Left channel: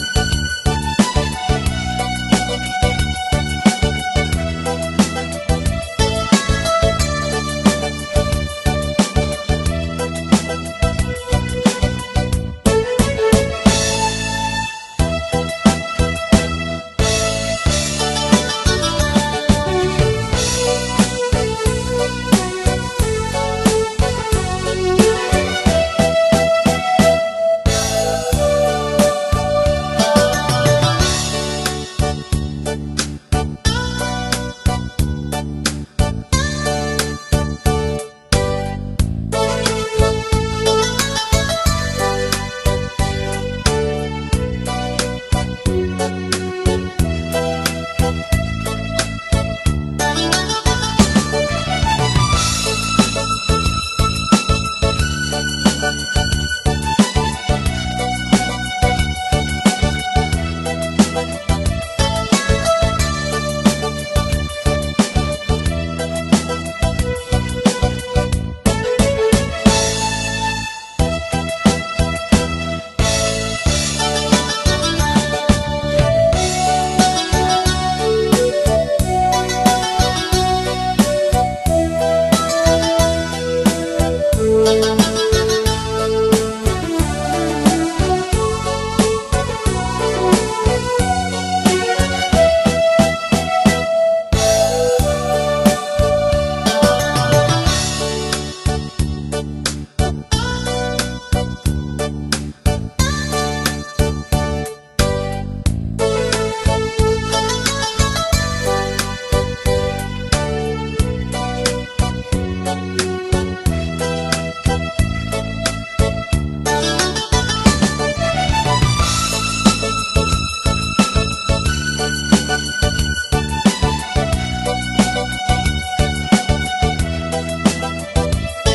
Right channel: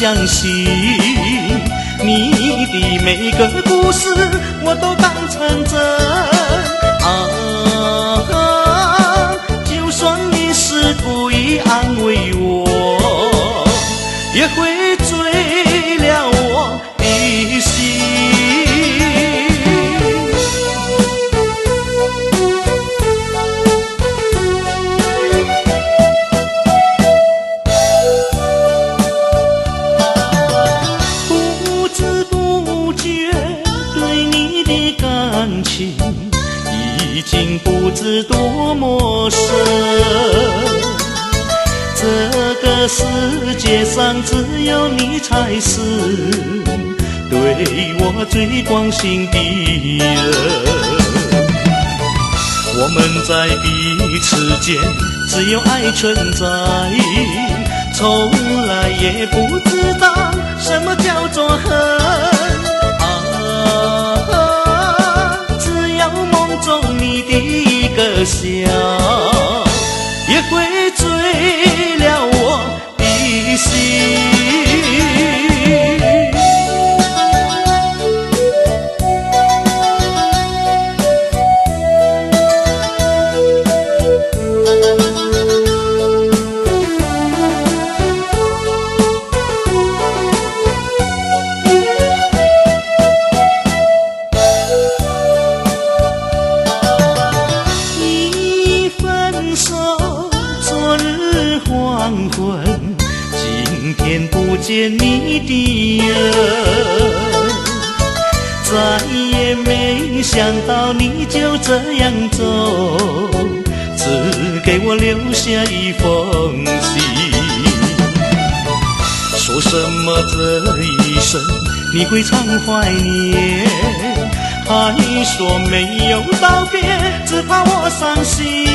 相信，你的每个故事我都当成真。就算你是故意安慰我，也会醉了我的心。不知不觉对你的感情已经不知多么深，这个世界上只有你才是对我最关心的人。我们在彼此间只有爱存在，从来也不知道什么叫做恨。只有梦中你的一个笑，也会醉了我的心。一分手，昨日黄昏，今天不见你的人，再也没想到你就这样走，只给我留下一封信。说什么这一生你会常怀念，还说没有道别，只怕我伤心。